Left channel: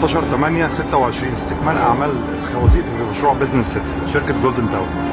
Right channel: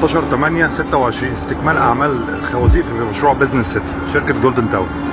،18/8/26 استكمال اعمال الخوازيق في مشروع بزنس سيتي شركه جولدن تاون.